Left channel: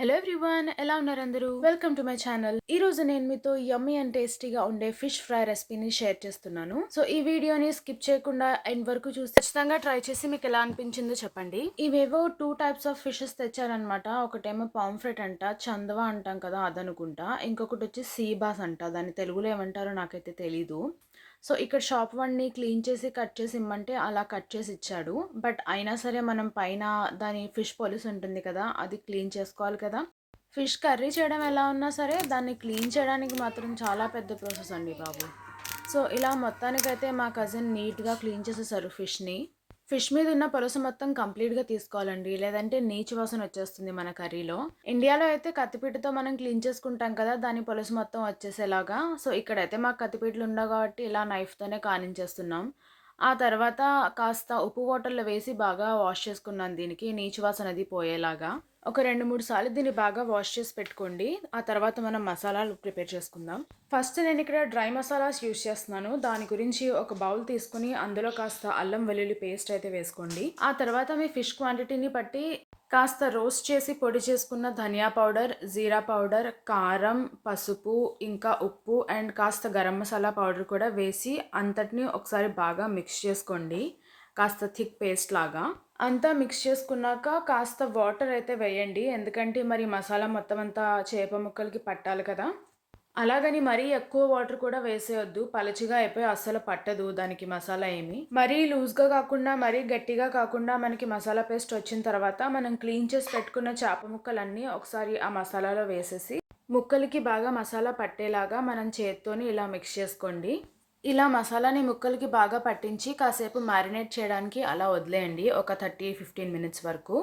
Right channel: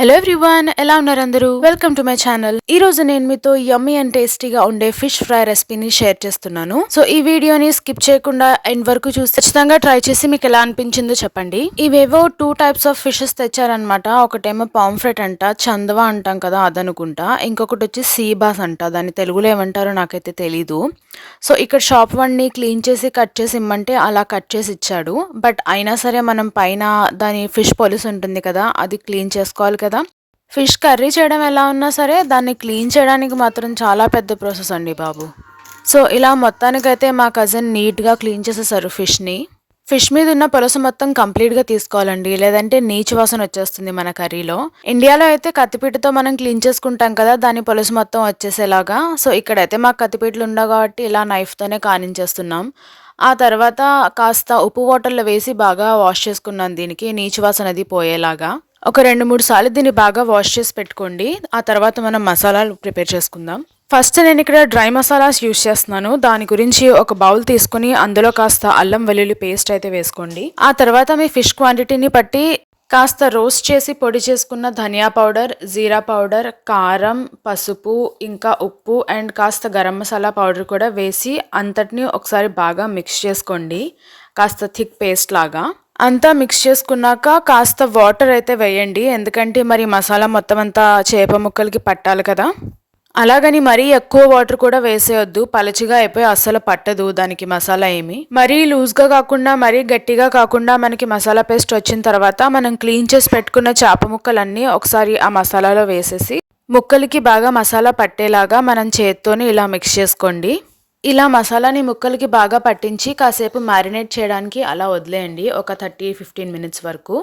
Hello everyone, ఎలా ఉన్నారు అందరూ? Welcome to my channel. ఈ రోజు నేను మీతో యమ్మీ అండ్ టేస్టీగా ఉండే ఫిష్ ఫ్రై రెసిపీని షేర్ చేస్తున్నాను. సో ఈ వీడియోని స్కిప్ చేయకుండా ఎండ్ వరకు చూసి ఖచ్చితంగా ట్రై చేసి మీకు ఎలా అనిపించిందో చెప్పండి. ఇవేవో 2 టైప్స్ ఆఫ్ ఫిషెస్ తెచ్చారనమాట. ఒకటేమో పాంఫ్రెట్ అంట, చందవా అంటాం కదా అదనుకుంటా. ఇంకొకటి వచ్చి సీ బాస్ అంట. దాన్ని తెలుగులో ఏమంటారో నాకైతే తెలీదు. సో ఇక్కడ షాప్ వాడిని క్లీన్ చేసి కట్ చేసి ఇమ్మంటే అలా కట్ చేసి ఇచ్చాడు. బట్ అయినా సరే మనం పైన దాని ఫిష్ పొలుసు ఉంటుంది కదా, అది క్లీన్ చేసుకోవాలి కదా. ఫిష్ కర్రీ చేయడం ఎలా ఉన్నా సరే దాన్ని క్లీన్ చేయడానికి మాత్రం చాలా పెద్ద ప్రాసెస్ అండి బాబు. సో ఇలా మొత్తానికైతే మా కజిన్ నీట్గా క్లీన్ చేసేసారు ఫిష్ని. ఫిష్ మీద ఉన్న పొలుసు మొత్తం కంప్లీట్గా తీసుకోవాలండి, లేదంటే నీచు వాసన వచ్చేస్తుంది మన కర్రీలో. ఇండియాలో అయితే కత్తిపీటతో మనం క్లీన్ చేసుకుంటాం కదా, దాని పొలుసు మొత్తం వచ్చేసేలాగా. సో ఇక్కడైతే మాకు కత్తిపీటలు ఉండవు కాబట్టి ఇలా నైఫ్తోనే కానించేస్తున్నాం. ఆ తర్వాత కాస్త ఉప్పు వాటర్లో వేసి బాగా వాష్ చేసుకున్నాను, దీనికి నీచు వాసన అది పోయేలాగా. ఒక 2-3 సార్లు దీన్ని బాగా వాష్ చేసి పెట్టుకోండి. ఆ తర్వాత మనం మసాలాలు ప్రిపేర్ చేసుకుందాం. ఫస్ట్ నేను ఇక్కడ డ్రై మసాలాస్ యూస్ చేస్తున్నాను. దాని గురించి ఒక బౌల్ తీసుకుని అందులో కాస్త అల్లం వెల్లుల్లి పేస్ట్ అయితే వేసుకోండి. ఆ తర్వాత మీ ఫిష్ క్వాంటిటీని బట్టి కాస్త రోస్ట్ చేసి పొడి చేసుకున్న ధనియా పౌడర్, జీరా పౌడర్, కారం, పసుపు, ఇంకా ఉప్పు అండ్ కాస్త గరం మసాలా పౌడర్ కూడా వేసి అంతటిని ఒకసారి బాగా మిక్స్ చేసుకోండి, కాస్త థిక్ పేస్ట్ లాగా. అంతా మిక్స్ చేసుకున్నాక కాస్త వాటర్ అయితే వేయండి, ఎందుకంటే మరి మసాలా మొత్తం అంతా చేప ముక్కలకి పట్టాలి కదా. అలాగని మరీ ఎక్కువ వాటర్ కూడా వేసేయొద్దు, పలచిగా అయిపోయి అస్సలు పట్టదు దానికి మసాలా ఏమి. మరీ లూజ్గా కాకుండా మరీ గట్టిగా కాకుండా మనకి మసాలా పేస్ట్ వచ్చిన తర్వాత మనం క్లీన్ చేసి పెట్టుకున్న చేప ముక్కలన్నీ ఒకసారి ఆ మసాలాలో వేసేసి ముక్కలకి బాగా మసాలా పట్టేలాగా మనం చేత్తోనే ఇలా మిక్స్ చేసుకోండి. ఇలా మసాలాని ముక్కలకి బాగా పట్టించి కాసేపు మ్యారినేట్ చేయడానికి అలా వదిలేయండి, ఒక 30-15 మినిట్స్ వరకు.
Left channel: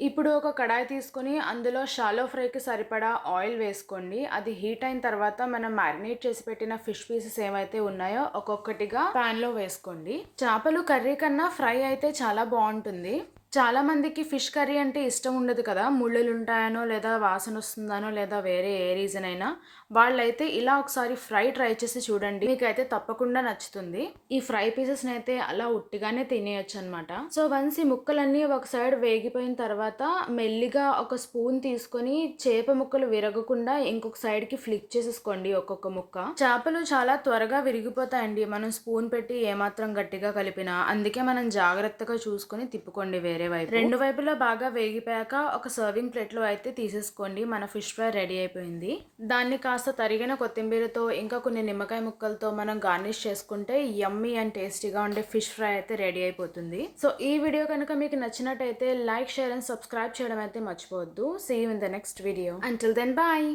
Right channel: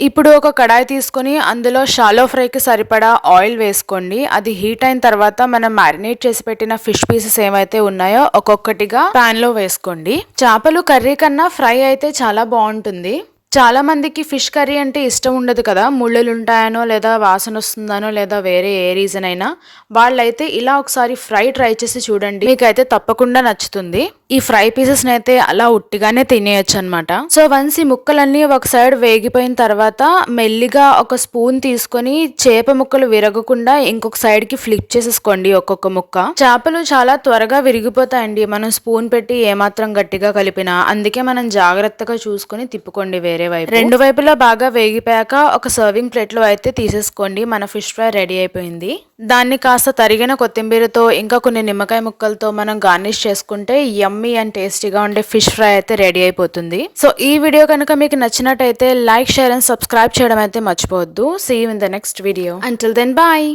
ఇప్పుడు ఒక కడాయి తీసుకొని అందులో షాలో ఫ్రైకి సరిపడా ఆయిల్ వేసుకోండి. అది హీట్ అయిన తర్వాత మనం మ్యారినేట్ చేసి పెట్టిన ఫిష్ పీసెస్ ఏమైతే ఉన్నాయో ఒక్కొక్కటిగా ప్యాన్లో వేసుకోండి. చేపలు కర్రీ కన్నా ఫ్రై అయితే చాలా బాగుంటుంది. చాలా మందికి ఫిష్ కర్రీ అంటే ఇష్టం ఉండదు కదా, ముళ్ళులు ఉంటాయనో లేదా వాసన వస్తుందనో లేదా వేరే ఏ రీజన్ అయినా. వాళ్ళైతే ఇలా ఒకసారి ఫ్రై ట్రై చేసి చూడండి, మీకైతే తప్పకుండా నచ్చుతుంది. ఈ ఫ్రై పీసెస్ అయితే అలా ఉట్టిగానే తినేయచ్చు అనమాట. సో వన్స్ ఈ ముక్కలన్నీ ఒక సైడ్ వేగిపోయిన తర్వాత మెల్లిగా ఒక స్పూన్ తీసుకొని చేప ముక్కలు విరగకుండా ఇంకొక సైడ్ కి ఫ్లిప్ చేసేసుకోండి ఒక్కొక్క ముక్క. చేపలు చాలా త్వరగా విరిగిపోతాయండి మనం స్పూన్ పెట్టి ఏమాత్రం గట్టిగా కలిపినా, అందుకే మనం జాగ్రత్తగా చూసుకొని తిప్పుకోండి వేరే వైపు. రెండు వైపులా బాగా వేగిపోయాక ఒక సర్వింగ్ ప్లేట్ లో అయితే తీసేసుకోండి. మన ఫిష్ ఫ్రై రెడీ అయిపోయింది. దాన్ని కాస్త తరిగిన కొత్తిమీరతో ఇంకా కొన్ని నిమ్మకాయ ముక్కలతో మనం గార్నిష్ చేసుకుంటే యమ్మీ అండ్ టేస్టీగా ఉండే ఫిష్ ఫ్రై అయితే రెడీ అయిపోతుంది. సో ఈ వీడియో కనుక మీకు నచ్చినట్టయితే లైక్, షేర్ అండ్ సబ్స్క్రైబ్ చేయడం అయితే మర్చిపోవద్దు. See you in the next video. Until then bye.